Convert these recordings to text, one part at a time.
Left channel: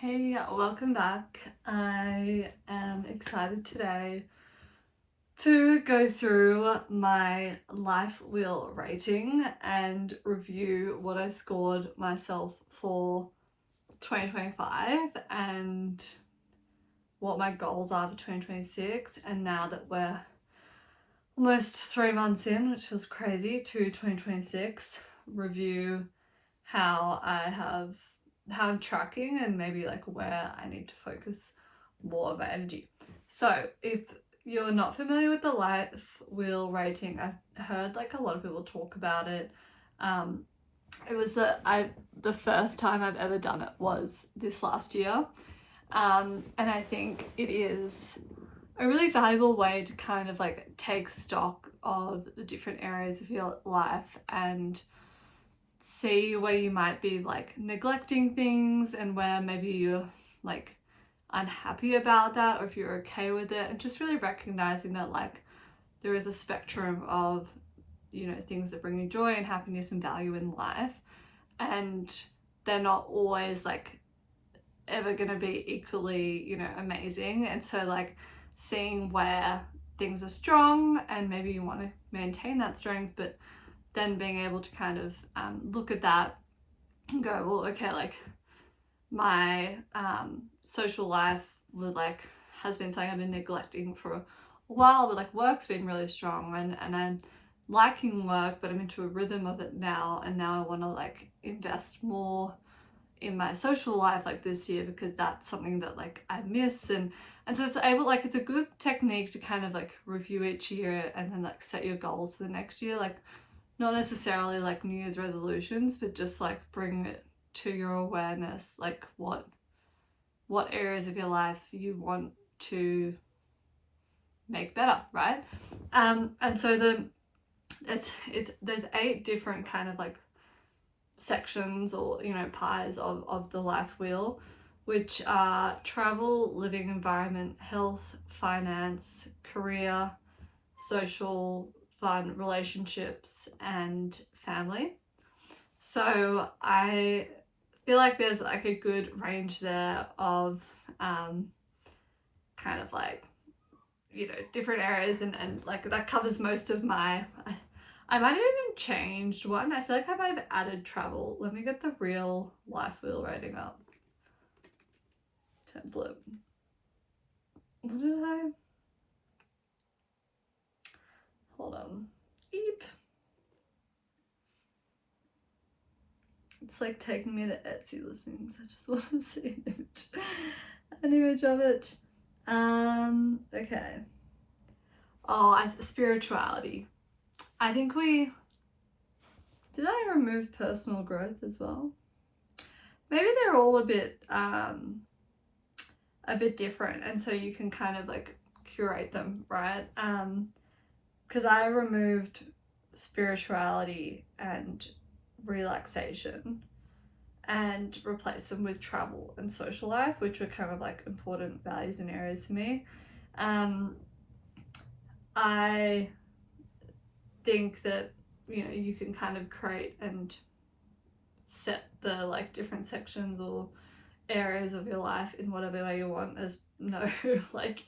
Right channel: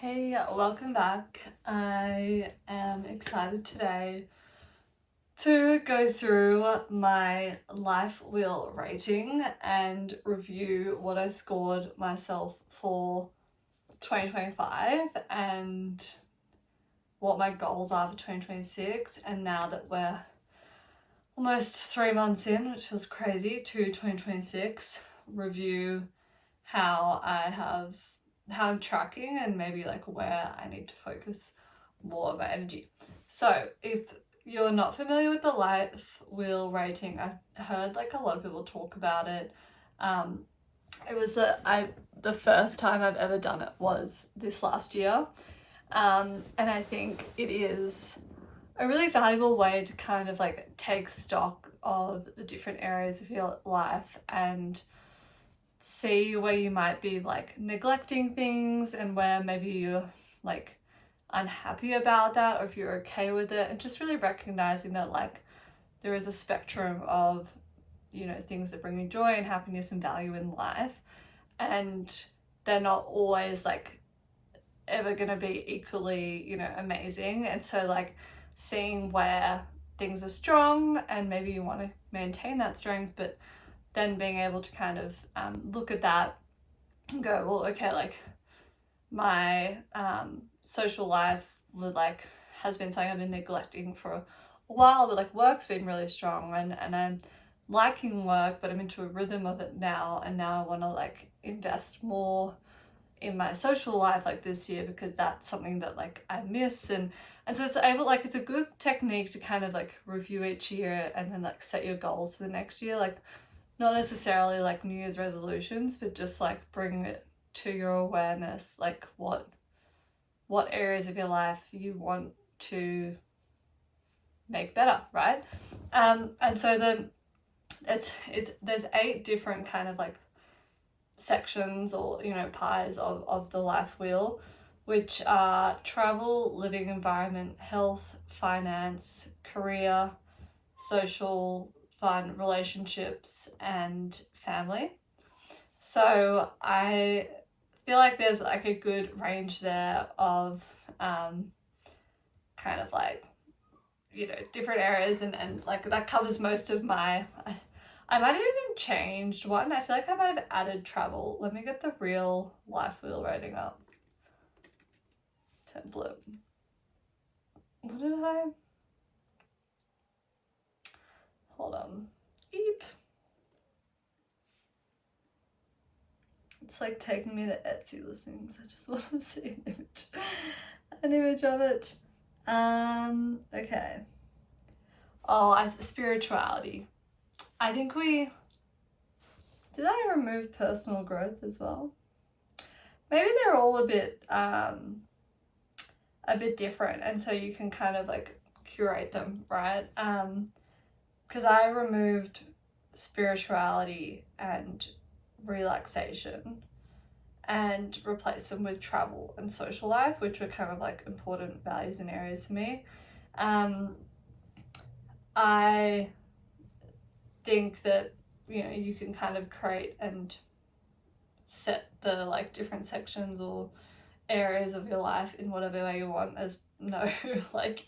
Hey, welcome back. I am excited today to go through my life wheel rating and review what I scored myself for 2025 and what my goals are for 2026. And now that we're almost 3 months in, which feels crazy, to 2026, review how I'm tracking and maybe like where I need to focus more of my energy. So if you're not familiar with the life wheel rating, I heard like a lot of people talk about it. It was the first time I've ever done it was this last year. And I think it is a really valuable way to kind of like take stock of the different areas of your life and see where you might be like neglecting things and where maybe you're like unhappy about that, or if you're okay with it, and just really recognizing that like there is a spectrum of things that bring you joy and happiness and value in life, and they're not always like ever going to be equally amazing. And so like seeing where things are strong and maybe you want to maintain that strength, but then being able to kind of look at that and go, well, okay, like my social life has been something I've been neglecting for a while, but like work's been really strong, and I'm liking work, but I'm into a rhythm of it now, and now I want to like invest more in my social life like this year, because that's something that like I miss. And so it's a good technique to kind of like review each year and then like set your goals for the next year, like not necessarily like New Year's resolutions, but just like bring it to your awareness, like what areas of your life you want to make better, right? And so there's 8 different kind of like sections, or pies of the life wheel, which are travel, living environment, health, finance, career, social, fun, relationships, and family. So I feel like there's like a good range there of kind of like different areas, and like that covers most of my I might have even changed one. I feel like I might have added travel. Let me get the real life wheel rating up. Template. What did I? Hold on. Eep. It's like taking me to Etsy listings. I just want to see an image of it. Okay. Oh, spirituality. I think did I remove personal growth as well? Maybe they're all a bit different, and so you can kind of like curate them, right? Because I removed spirituality and relaxation and replaced them with travel and social life, which were kind of like important values and areas for me. I think that you can kind of create and set the like different sections or areas of your life in whatever way you want. There's no like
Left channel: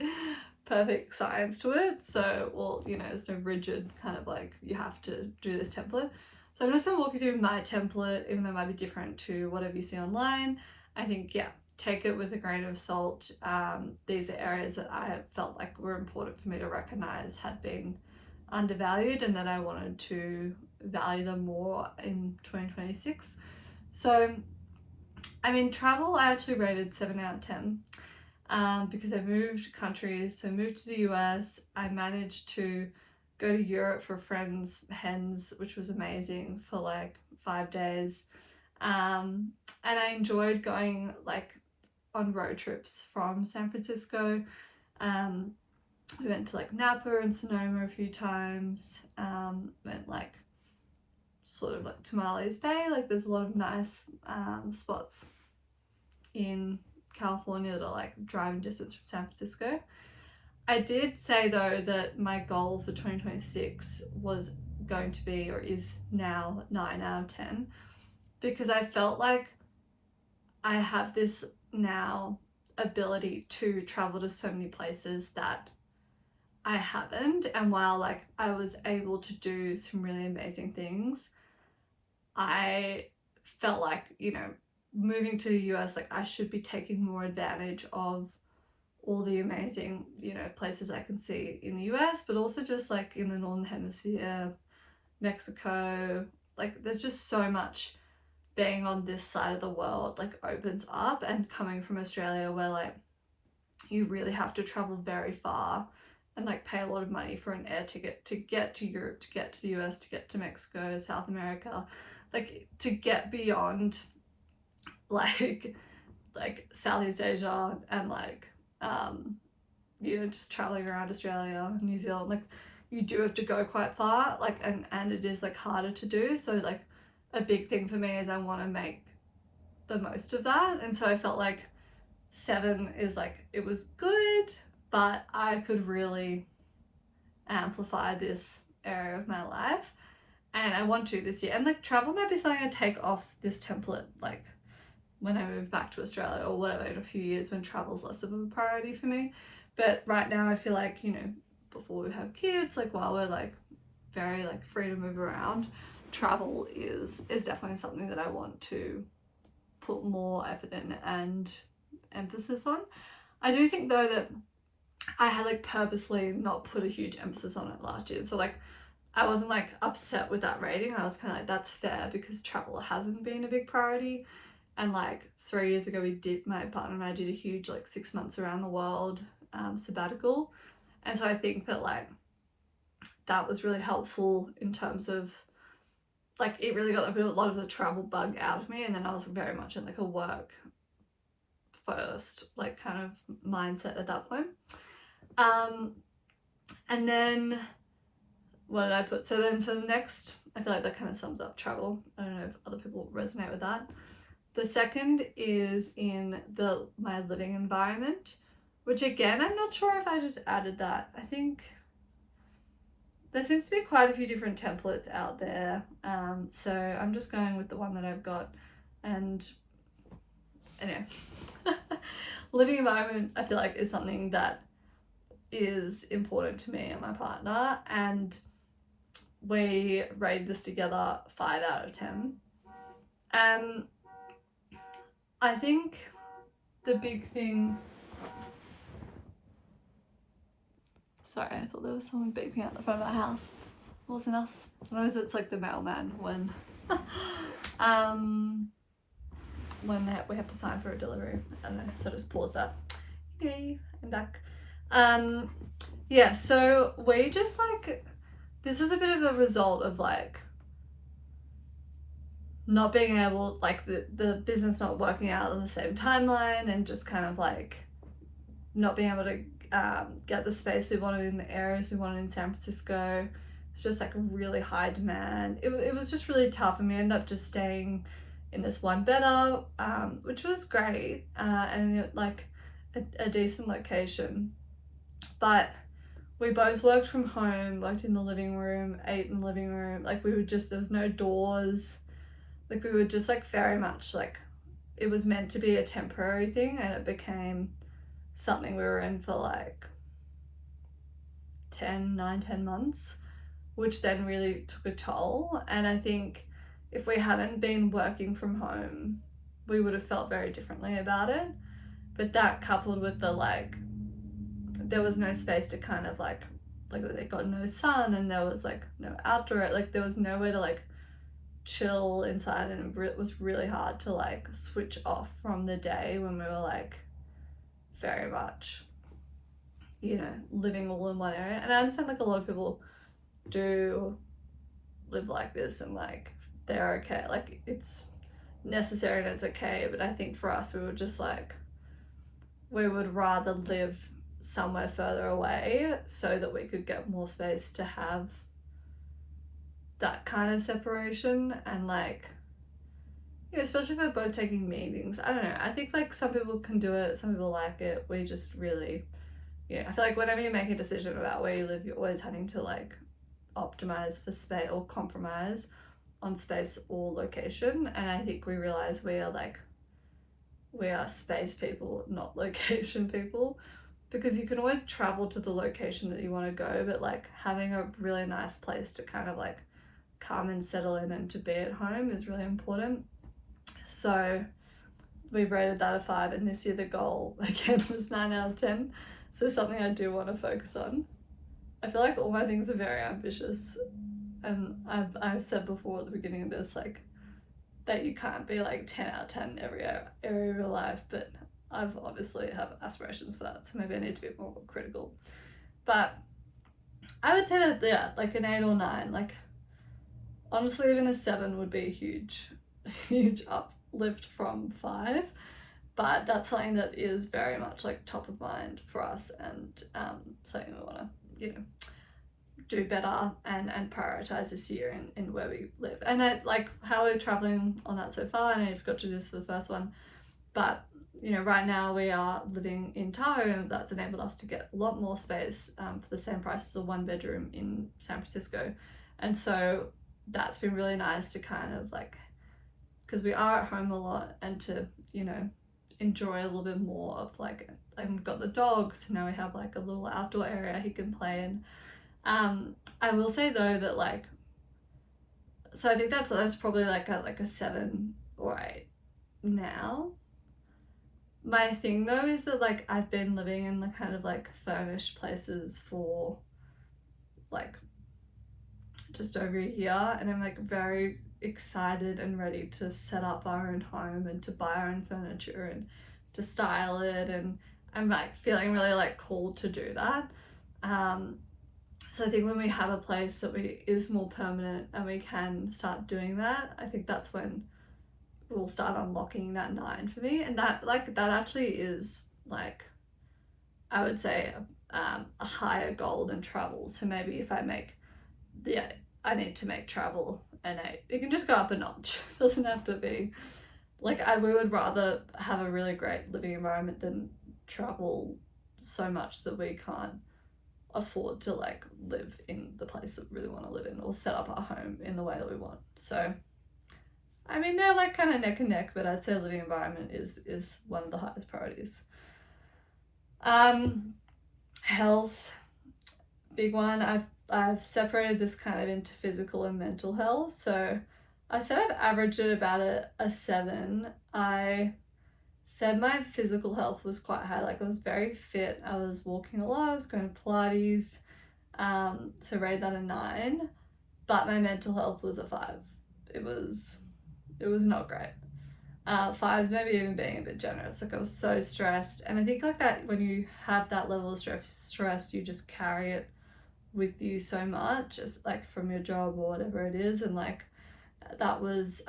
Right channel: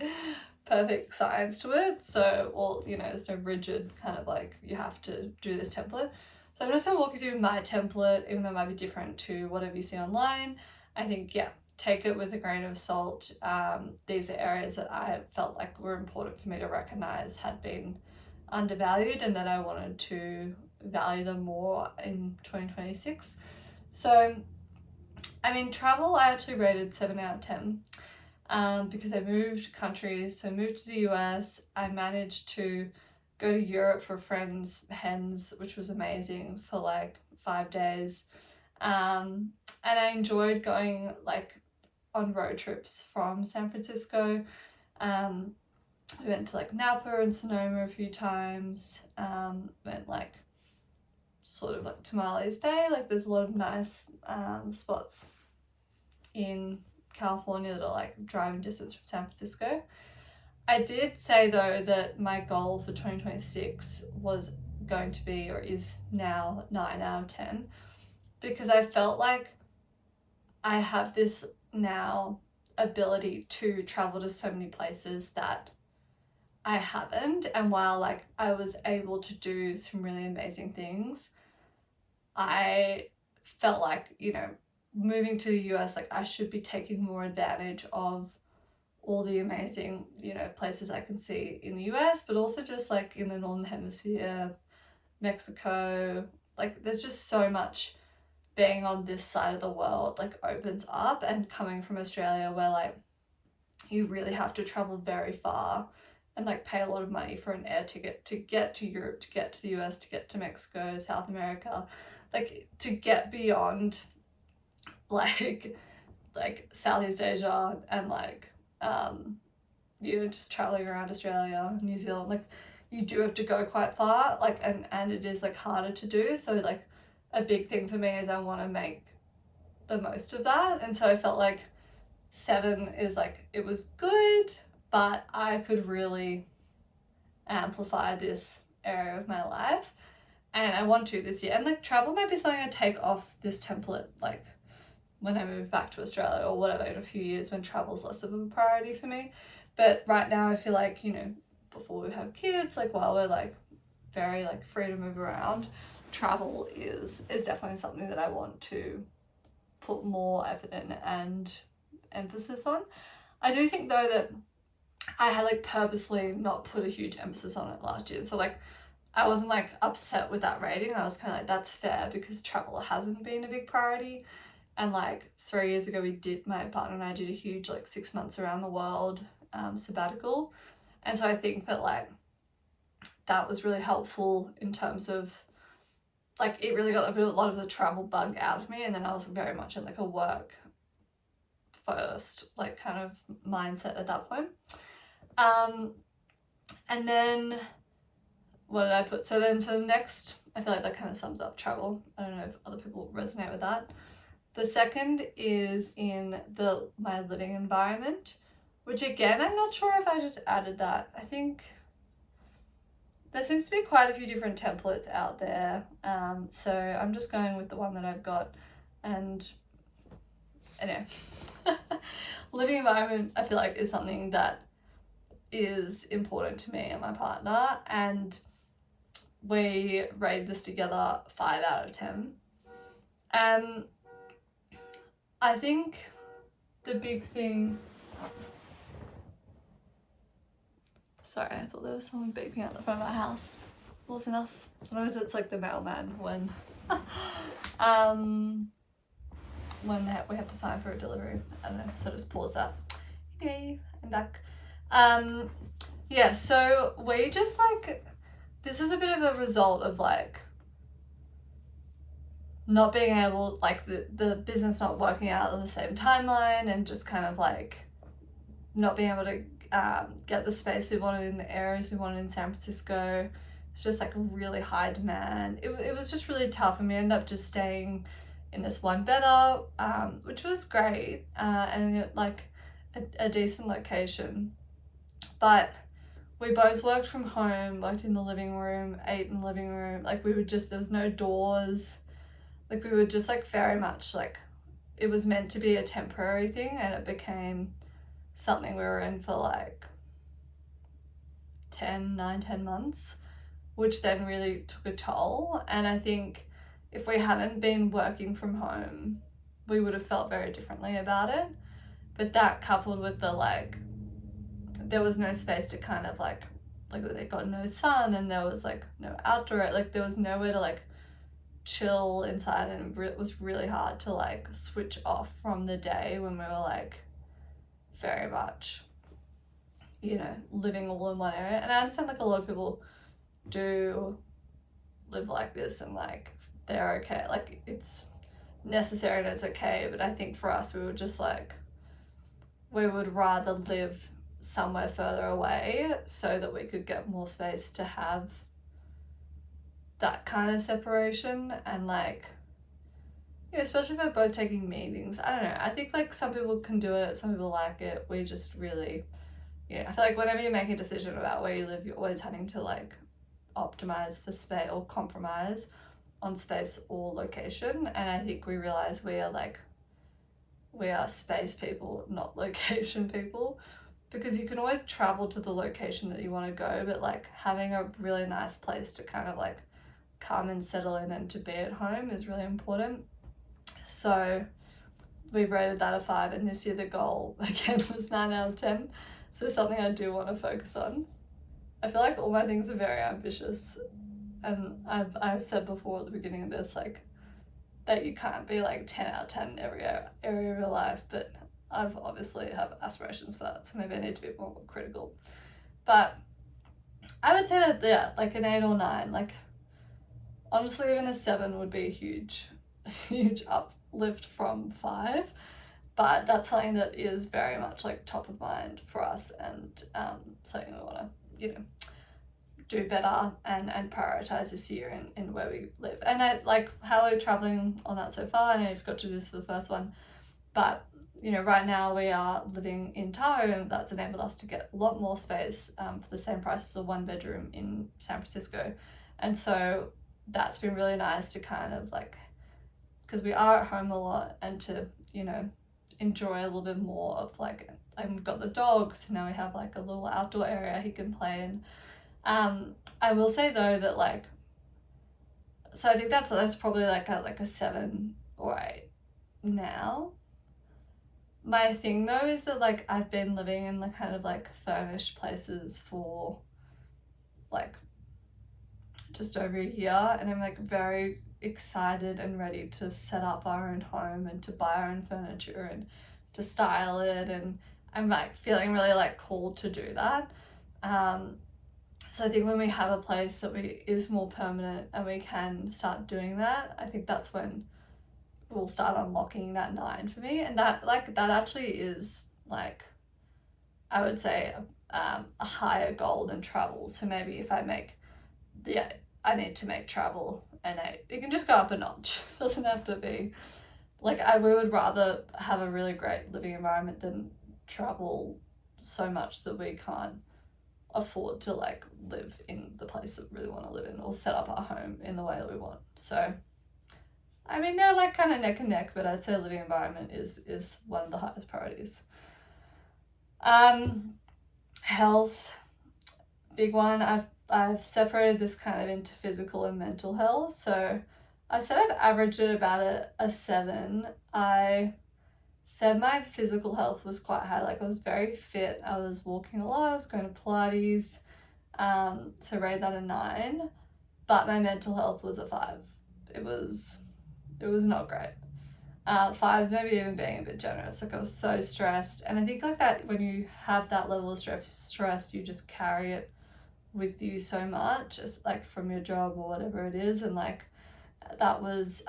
perfect science to it, so there's no rigid kind of like you have to do this template. So I'm just going to walk you through my template, even though it might be different to whatever you see online. I think take it with a grain of salt. These are areas that I felt like were important for me to recognize had been undervalued, and that I wanted to value them more in 2026. So I mean, travel I actually rated 7 out of 10 because I moved countries. So I moved to the US. I managed to go to Europe for friends' hens, which was amazing, for like 5 days. And I enjoyed going like on road trips from San Francisco. We went to like Napa and Sonoma a few times. Went like sort of like Tamales Bay. Like there's a lot of nice spots in California that are like driving distance from San Francisco. I did say though that my goal for 2026 was going to be, or is now, 9 out of 10, because I felt like I have this now ability to travel to so many places that I haven't. And while like I was able to do some really amazing things, I felt like, you know, moving to the US, like I should be taking more advantage of all the amazing, you know, places I can see in the US, but also just like in the Northern Hemisphere, Mexico. Like there's just so much being on this side of the world like opens up, and coming from Australia where like you really have to travel very far and like pay a lot of money for an air ticket to get to Europe, to get to the US, to get to Mexico, South America, like to get beyond like Southeast Asia and like you know, just traveling around Australia, New Zealand, like you do have to go quite far, like and it is like harder to do. So like a big thing for me is I want to make the most of that. And so I felt like 7 is like, it was good, but I could really amplify this area of my life, and I want to this year. And like travel might be something I take off this template like when I move back to Australia or whatever in a few years, when travel's less of a priority for me. But right now I feel like, you know, before we have kids, like while we're like very like free to move around, travel is definitely something that I want to put more effort in and emphasis on. I do think though that I had like purposely not put a huge emphasis on it last year. So like I wasn't like upset with that rating. I was kind of like, that's fair, because travel hasn't been a big priority. And like 3 years ago, my partner and I did a huge like 6 months around the world sabbatical. And so I think that like that was really helpful in terms of like it really got a lot of the travel bug out of me. And then I was very much in like a work first like kind of mindset at that point. And then what did I put? So then for the next, I feel like that kind of sums up travel. I don't know if other people resonate with that. The second is in my living environment, which again, I'm not sure if I just added that. I think there seems to be quite a few different templates out there. So I'm just going with the one that I've got. And anyway, living environment, I feel like is something that is important to me and my partner. And we rated this together 5 out of 10. I think the big thing... Sorry, I thought there was someone beeping out the front of our house. It wasn't us. Sometimes it's like the mailman when we have to sign for a delivery. I don't know, so just pause that. Yay, I'm back. Yeah, so we just like... This is a bit of a result of like not being able, like the business not working out on the same timeline, and just kind of like not being able to get the space we wanted in the areas we wanted in San Francisco. It's just like really high demand. It was just really tough, and we ended up just staying in this one better, which was great, and like a decent location. But we both worked from home, worked in the living room, ate in the living room. Like we would just, there was no doors. Like we were just like very much like, it was meant to be a temporary thing, and it became something we were in for like 10 months, which then really took a toll. And I think if we hadn't been working from home, we would have felt very differently about it. But that coupled with the like, there was no space to kind of like they got no sun, and there was like no outdoor, like there was nowhere to like chill inside, and it was really hard to like switch off from the day when we were like very much, you know, living all in one area. And I understand like a lot of people do live like this and like they're okay, like it's necessary and it's okay. But I think for us, we were just like, we would rather live somewhere further away so that we could get more space to have that kind of separation. And like, yeah, especially if we're both taking meetings, I don't know, I think like some people can do it, some people like it. We just really, yeah, I feel like whenever you make a decision about where you live, you're always having to like optimize for space or compromise on space or location. And I think we realize we are like we are space people, not location people, because you can always travel to the location that you want to go, but like having a really nice place to kind of like come and settle in and to be at home is really important. So we rated that a 5, and this year the goal again was 9 out of 10. So something I do want to focus on. I feel like all my things are very ambitious, and I've said before at the beginning of this, like, that you can't be like 10 out of 10 every area of your life, but I've obviously have aspirations for that, so maybe I need to be more critical. But I would say that, yeah, like an 8 or 9. Like, honestly, even a 7 would be a huge uplift from 5. But that's something that is very much like top of mind for us, and something we want to, you know, do better and prioritize this year in where we live. And I like how we're traveling on that so far. I know you've got to do this for the first one, but you know, right now we are living in Tahoe, and that's enabled us to get a lot more space for the same price as a 1-bedroom in San Francisco. And so that's been really nice to kind of like, because we are at home a lot, and to, you know, enjoy a little bit more of like, we've got the dog, so now we have like a little outdoor area he can play in. I will say though that like, so I think that's probably like a 7 or 8 now. My thing though is that like I've been living in the kind of like furnished places for like just over a year, and I'm like very excited and ready to set up our own home and to buy our own furniture and to style it, and I'm like feeling really like called to do that. So I think when we have a place that is more permanent and we can start doing that, I think that's when we'll start unlocking that 9 for me. And that actually is like, I would say a higher goal than travel. So maybe if I need to make travel an 8. It can just go up a notch. It doesn't have to be like, we would rather have a really great living environment than travel so much that we can't afford to like live in the place that we really want to live in, or set up our home in the way that we want. So I mean, they're like kind of neck and neck, but I'd say living environment is one of the highest priorities. Health, big one. I've separated this kind of into physical and mental health. So I said I've averaged at about a 7. I said my physical health was quite high. Like, I was very fit. I was walking a lot. I was going to Pilates. So rate that a 9. But my mental health was a 5. It was not great. 5's maybe even being a bit generous. Like, I was so stressed, and I think like that when you have that level of stress, you just carry it with you so much, as like from your job or whatever it is, and like that was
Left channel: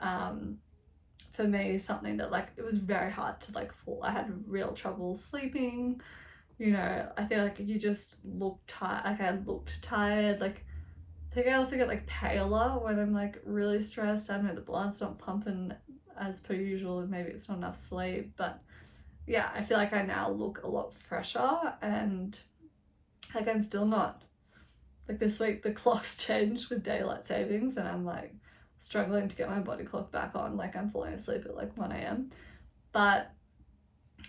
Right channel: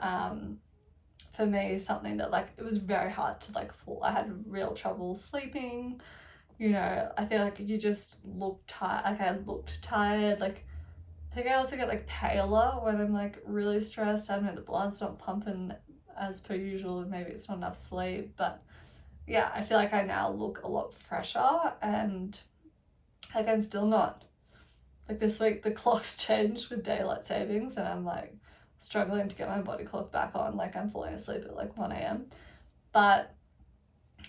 for me something that like, it was very hard to like fall. I had real trouble sleeping, you know. I feel like you just look tired. Like, I looked tired. Like, I think I also get like paler when I'm like really stressed. I don't know, the blood's not pumping as per usual, and maybe it's not enough sleep. But yeah, I feel like I now look a lot fresher, and like I'm still not, like this week the clock's changed with daylight savings, and I'm like struggling to get my body clock back on. Like, I'm falling asleep at like 1 a.m. But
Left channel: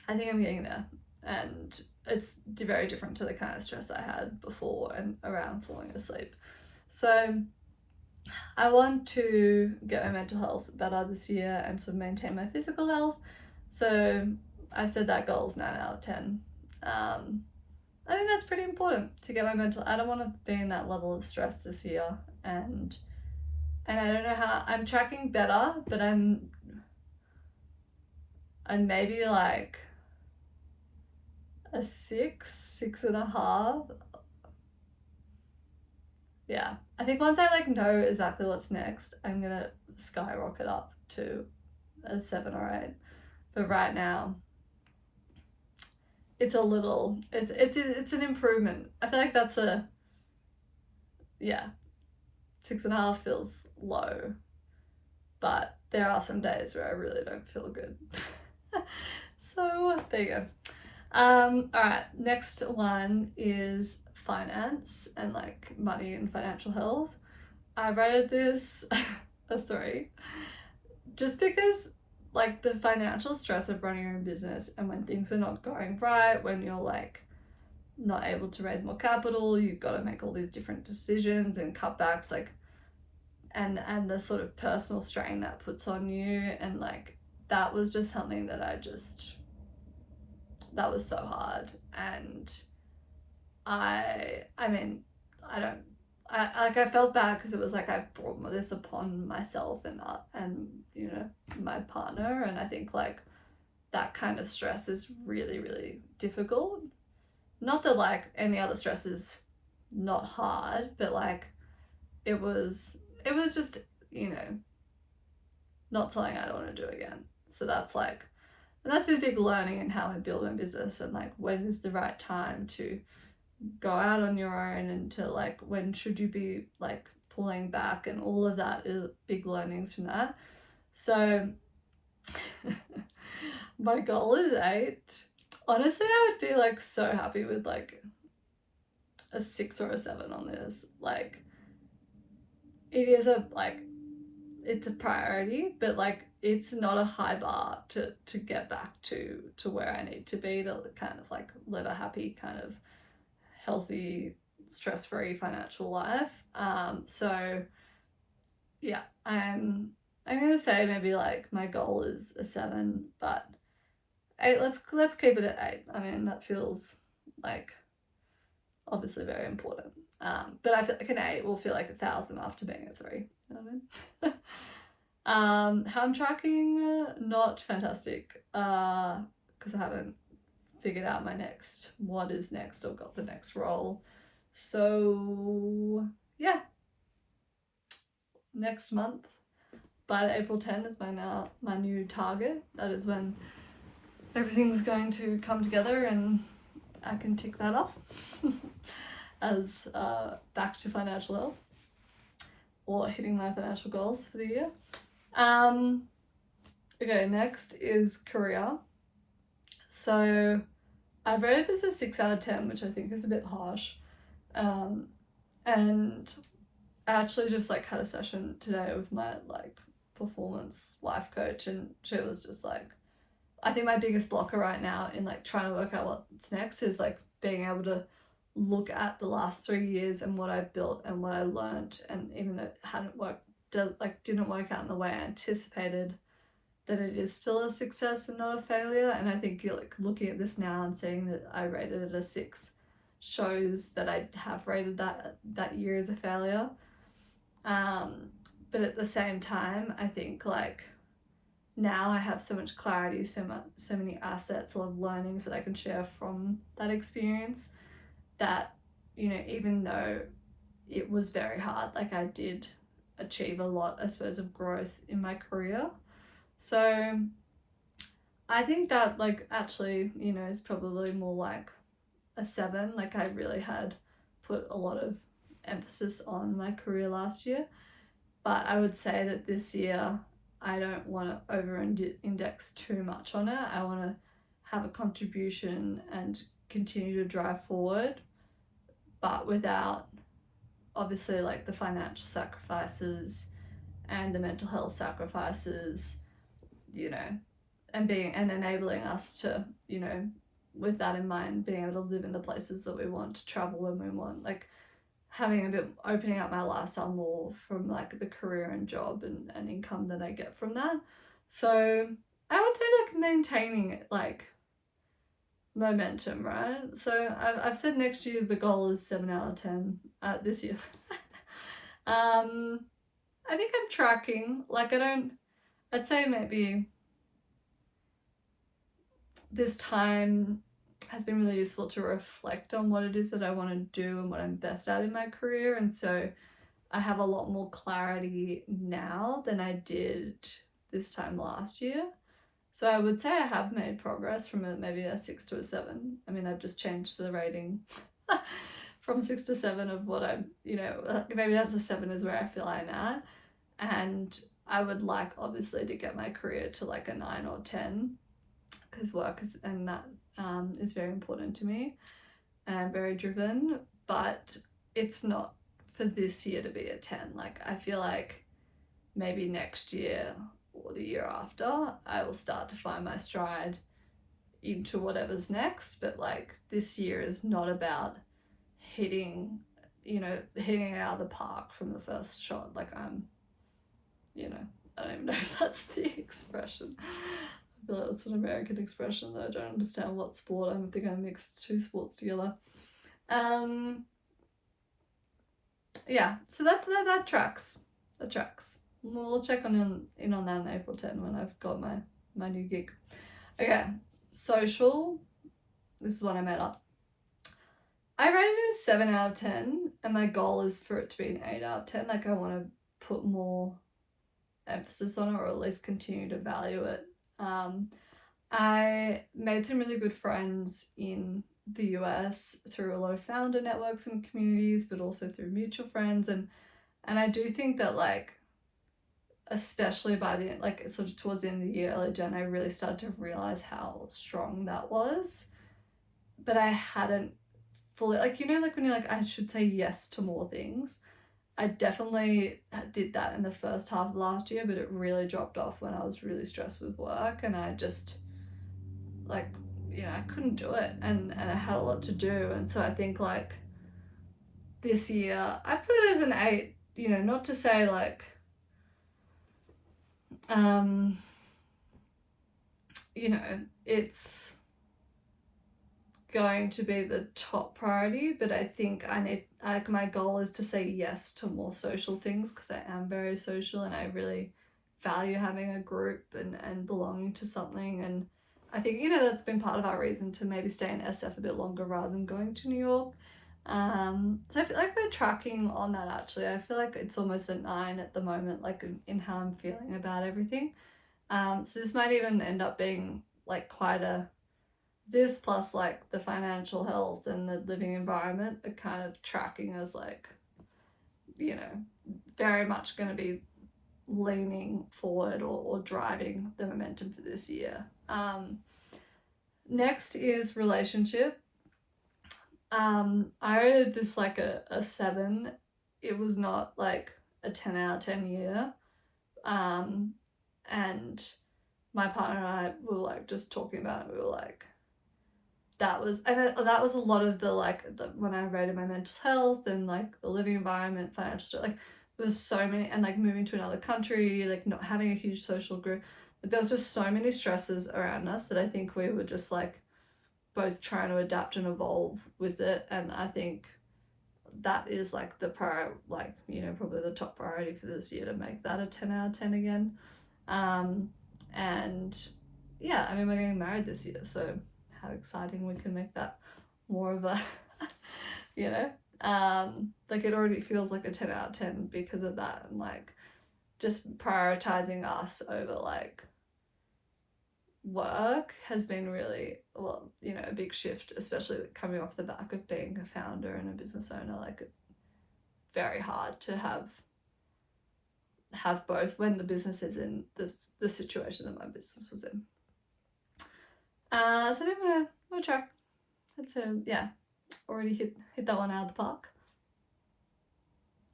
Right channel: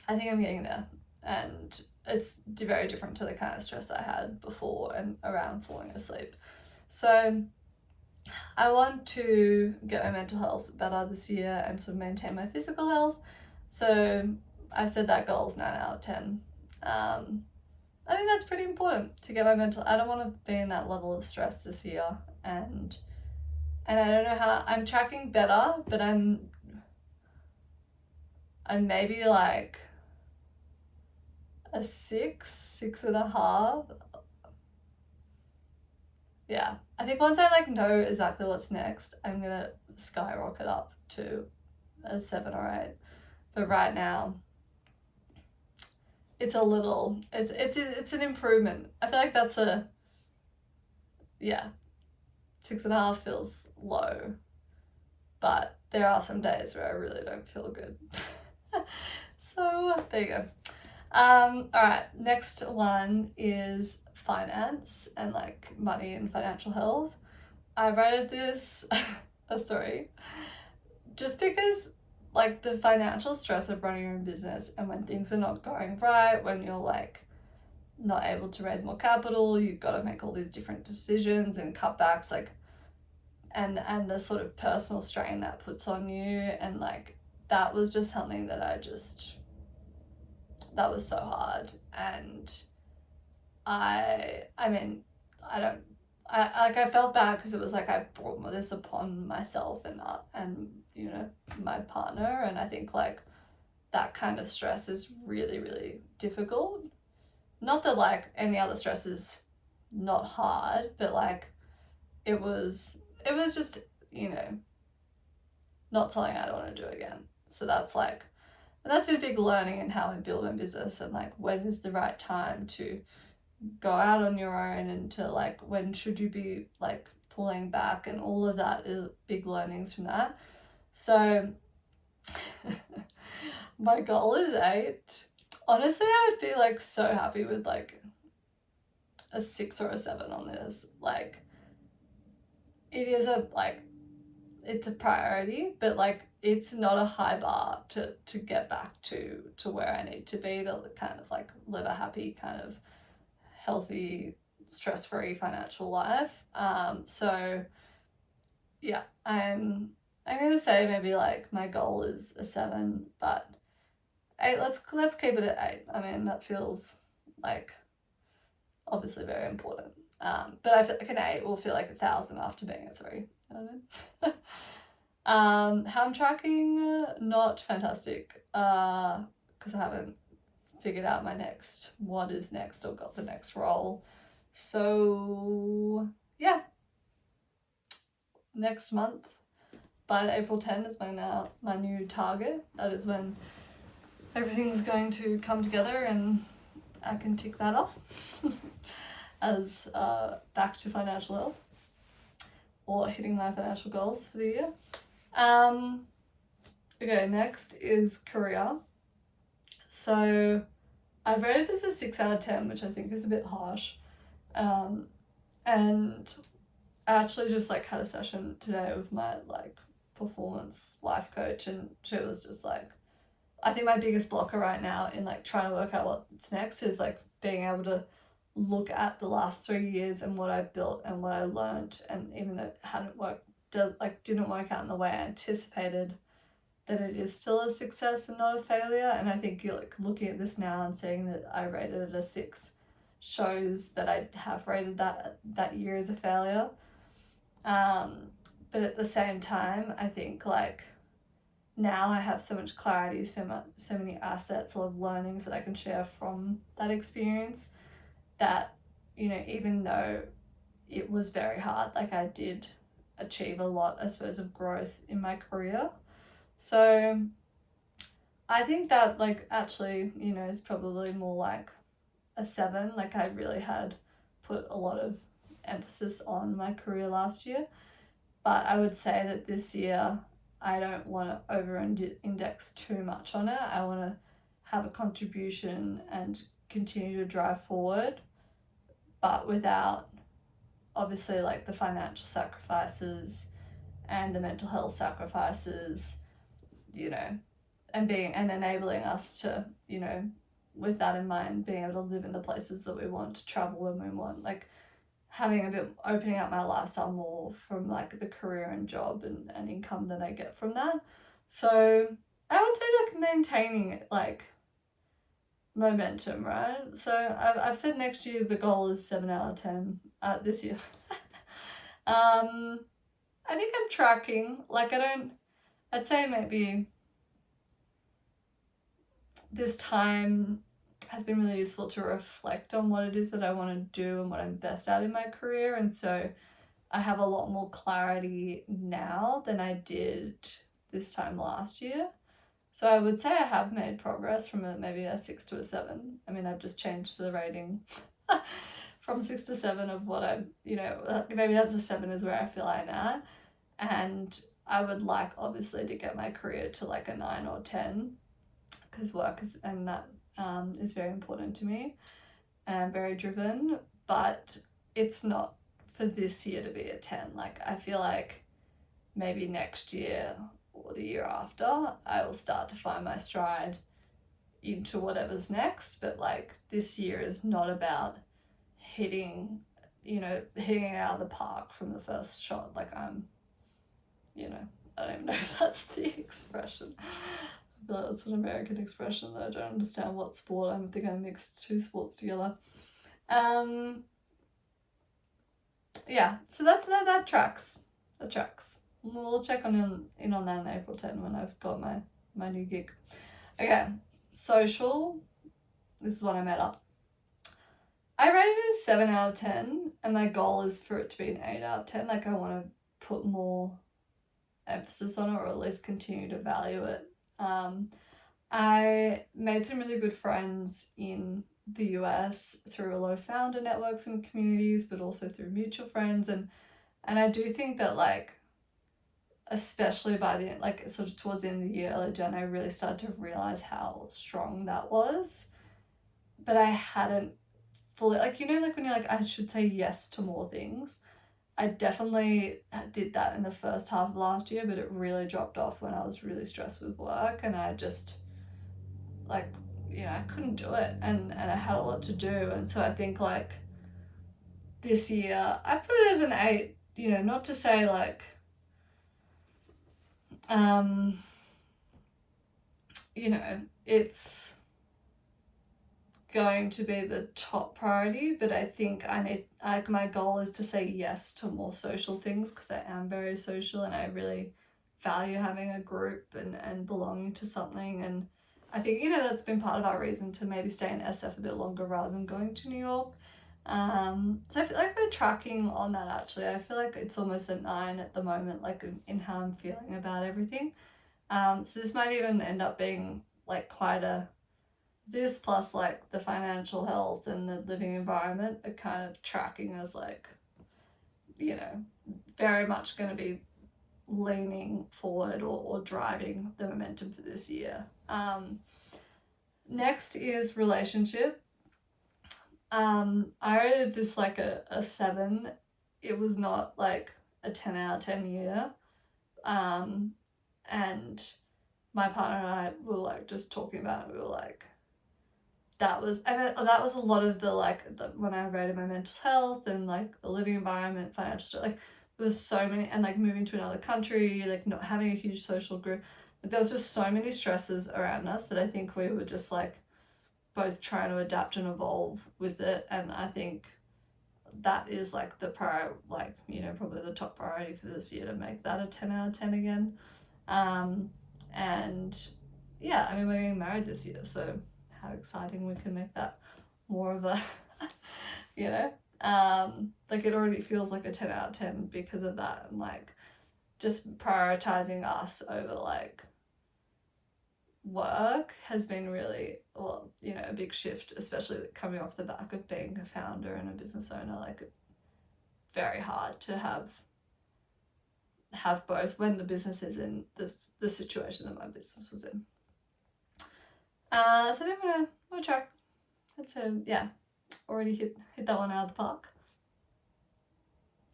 I think I'm getting there, and it's very different to the kind of stress I had before and around falling asleep. So I want to get my mental health better this year and sort of maintain my physical health. So I've said that goal is 9 out of 10. I think that's pretty important to get my mental. I don't want to be in that level of stress this year, and I don't know how. I'm tracking better, but I'm maybe like a 6.5. Yeah, I think once I like know exactly what's next, I'm gonna skyrocket up to a 7 or 8. But right now, it's a little, it's an improvement. I feel like that's 6.5 feels low, but there are some days where I really don't feel good. So there you go. All right, next one is finance and like money and financial health. I rated this a 3, just because like the financial stress of running your own business, and when things are not going right, when you're like not able to raise more capital, you've got to make all these different decisions and cutbacks, like, and the sort of personal strain that puts on you, and like that was just something that that was so hard. And I mean, I felt bad because it was like I brought this upon myself and you know, my partner, and I think like that kind of stress is really, really difficult. Not that like any other stress is not hard, but like it was just, you know, not something I don't want to do again. So that's like, and that's been a big learning in how I build my business, and like when is the right time to go out on your own, and to like when should you be like pulling back, and all of that is big learnings from that. So my goal is 8. Honestly, I would be like so happy with like a 6 or a 7 on this. Like it is it's a priority, but like it's not a high bar to get back to where I need to be to kind of like live a happy, kind of healthy, stress-free financial life. So yeah, I'm gonna say maybe like my goal is a 7, but 8, let's keep it at 8. I mean, that feels like obviously very important. But I feel like an 8 will feel like 1,000 after being a 3. You know what I mean? How I'm tracking, not fantastic, because I haven't figured out what is next, or got the next role. So yeah, next month, by April 10 is my new target. That is when everything's going to come together and I can tick that off as back to financial health, or hitting my financial goals for the year. Okay, next is career. So I rated this a 6 out of 10, which I think is a bit harsh. And I actually just like had a session today with my like performance life coach, and she was just like, I think my biggest blocker right now in like trying to work out what's next is like being able to look at the last 3 years and what I built and what I learned, and even though it didn't work out in the way I anticipated, that it is still a success and not a failure. And I think you're like looking at this now and saying that I rated it a 6 shows that I have rated that year as a failure. But at the same time, I think like now I have so much clarity, so many assets, a lot of learnings that I can share from that experience, that, you know, even though it was very hard, like I did achieve a lot, I suppose, of growth in my career. So I think that like actually, you know, is probably more like a 7. Like I really had put a lot of emphasis on my career last year, but I would say that this year I don't want to over-index too much on it. I want to have a contribution and continue to drive forward, but without obviously like the financial sacrifices and the mental health sacrifices, you know, and enabling us to, you know, with that in mind, being able to live in the places that we want, to travel when we want, like opening up my lifestyle more from like the career and job and income that I get from that. So I would say like maintaining like momentum, right? So I've said next year the goal is 7 out of 10 this year. I think I'm tracking, like I'd say maybe this time has been really useful to reflect on what it is that I want to do and what I'm best at in my career. And so I have a lot more clarity now than I did this time last year. So I would say I have made progress from maybe a 6 to a 7. I mean, I've just changed the rating from 6 to 7 of what I'm, you know, maybe that's a 7 is where I feel I'm at. And I would like obviously to get my career to like a 9 or 10, because work is, and that is very important to me, and I'm very driven, but it's not for this year to be a 10. Like I feel like maybe next year or the year after, I will start to find my stride into whatever's next. But like this year is not about hitting it out of the park from the first shot. Like I'm, I don't even know if that's the expression. I feel like that's an American expression that I don't understand what sport. I think I mixed two sports together. Yeah, so that tracks. That tracks. We'll check in on that on April 10 when I've got my new gig. Okay, social. This is what I made up. I rated it a 7 out of 10, and my goal is for it to be an 8 out of 10. Like I want to put more emphasis on it, or at least continue to value it. I made some really good friends in the US through a lot of founder networks and communities, but also through mutual friends, and I do think that like, especially by the end, like sort of towards the end of the year, early Jan, I really started to realize how strong that was. But I hadn't fully, like, like when you're like, I should say yes to more things. I definitely did that in the first half of last year, but it really dropped off when I was really stressed with work, and I just like, I couldn't do it, and I had a lot to do. And so I think like this year I put it as an 8, not to say like it's going to be the top priority, but I think my goal is to say yes to more social things, because I am very social and I really value having a group and belonging to something. And I think, that's been part of our reason to maybe stay in SF a bit longer rather than going to New York. So I feel like we're tracking on that actually. I feel like it's almost a 9 at the moment, like in how I'm feeling about everything. So this might even end up being like this plus like the financial health and the living environment are kind of tracking as like, very much going to be leaning forward or driving the momentum for this year. Next is relationship. I rated this like a 7. It was not like a 10 out of 10 year. And my partner and I were like just talking about it. We were like, that was a lot of when I rated my mental health and like the living environment, financial stuff, like there was so many, and like moving to another country, like not having a huge social group, like there was just so many stresses around us that I think we were just like both trying to adapt and evolve with it. And I think that is like the probably the top priority for this year, to make that a 10 out of 10 again. And yeah, I mean, we're getting married this year, so how exciting we can make that more of a like it already feels like a 10 out of 10 because of that. And like just prioritizing us over like work has been really, well, a big shift, especially coming off the back of being a founder and a business owner. Like very hard to have both when the business is in the situation that my business was in. So I think we'll track. That's already hit that one out of the park.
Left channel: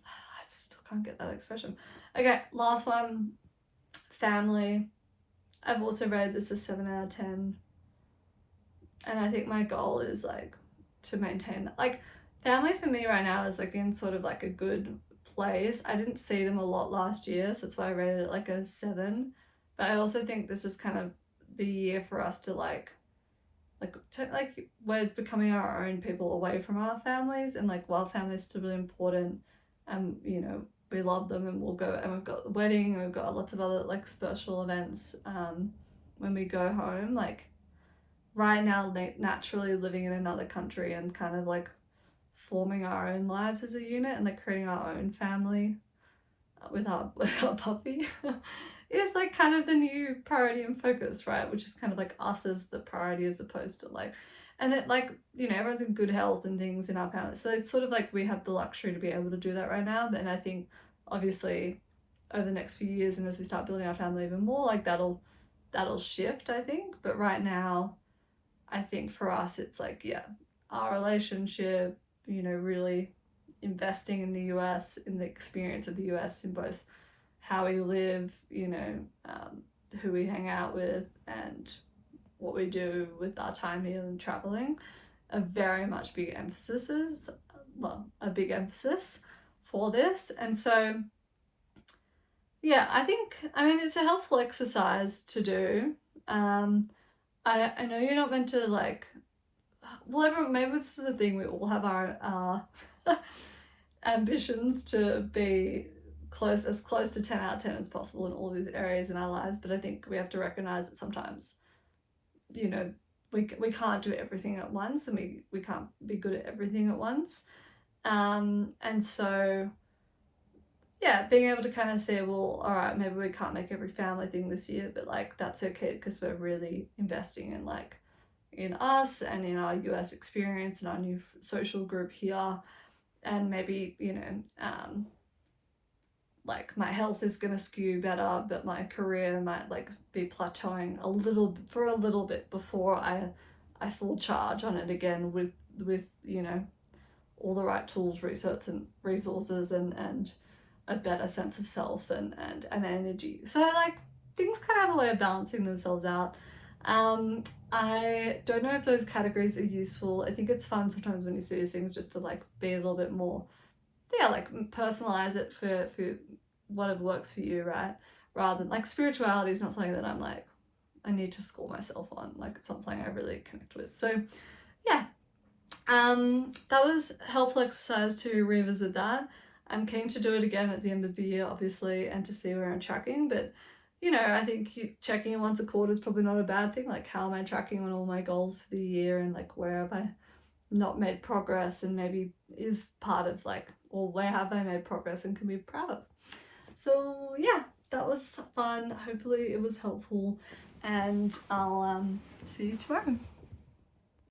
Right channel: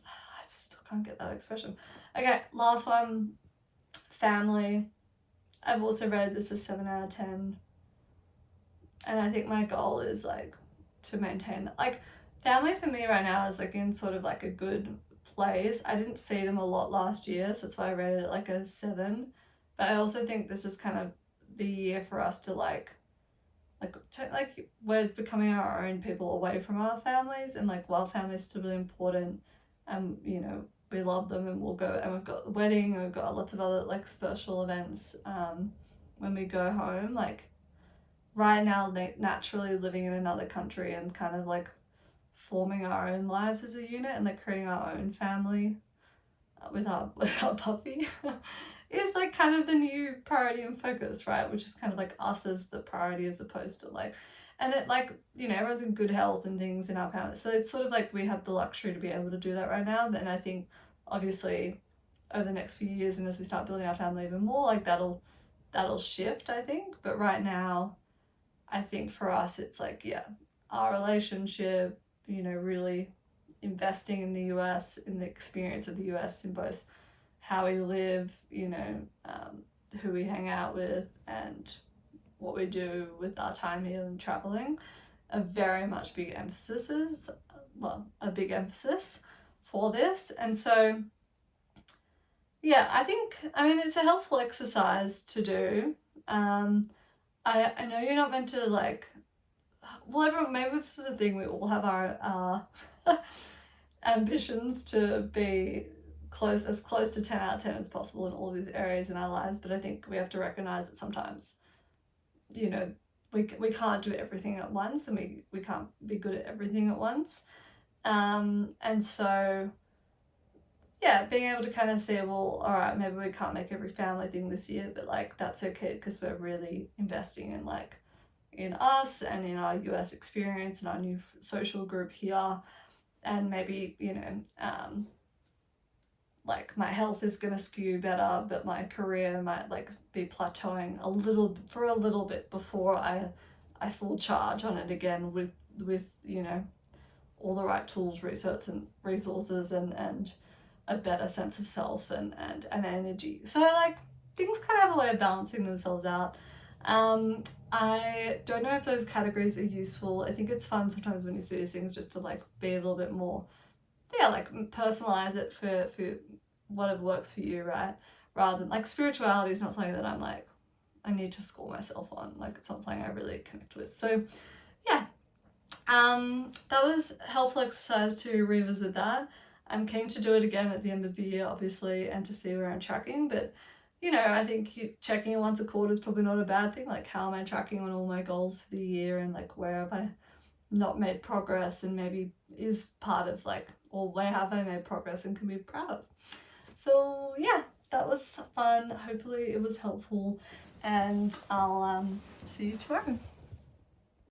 I still can't get that expression. Okay, last one, family. I've also rated this as 7 out of 10. And I think my goal is like to maintain that. Like family for me right now is like in sort of like a good place. I didn't see them a lot last year, so that's why I rated it like a 7. But I also think this is kind of the year for us to like we're becoming our own people away from our families, and like while family's still really important, we love them and we'll go, and we've got the wedding and we've got lots of other like special events when we go home. Like right now, naturally living in another country and kind of like forming our own lives as a unit and like creating our own family with our puppy is like kind of the new priority and focus, right? Which is kind of like us as the priority, as opposed to like, and it like, everyone's in good health and things in our family. So it's sort of like we have the luxury to be able to do that right now. And I think obviously over the next few years and as we start building our family even more, like that'll shift, I think. But right now, I think for us, it's like, our relationship, really investing in the US, in the experience of the US in both how we live, you know, who we hang out with, and what we do with our time here and traveling are very much big emphases, well, a big emphasis for this. And so, yeah, I mean, it's a helpful exercise to do. I know you're not meant to like, well, everyone, maybe this is the thing, we all have our ambitions to be as close to 10 out of 10 as possible in all of these areas in our lives, but I think we have to recognize that sometimes, you know, we can't do everything at once, and we can't be good at everything at once. And so, yeah, being able to kind of say, well, all right, maybe we can't make every family thing this year, but like that's okay, because we're really investing in like in us and in our US experience and our new social group here. And maybe, you know, like my health is going to skew better, but my career might like be plateauing a little bit before I full charge on it again with you know, all the right tools, resources and a better sense of self and energy. So like things kind of have a way of balancing themselves out. I don't know if those categories are useful. I think it's fun sometimes when you see these things just to like be a little bit more, yeah, like personalize it for whatever works for you, right? Rather than like spirituality is not something that I'm like, I need to score myself on. Like it's not something I really connect with. So yeah, that was a helpful exercise to revisit that. I'm keen to do it again at the end of the year, obviously, and to see where I'm tracking. But, you know, I think checking in once a quarter is probably not a bad thing. Like, how am I tracking on all my goals for the year, and like where have I not made progress, and maybe is part of like, or where have I made progress and can be proud of. So yeah, that was fun. Hopefully it was helpful, and I'll see you tomorrow.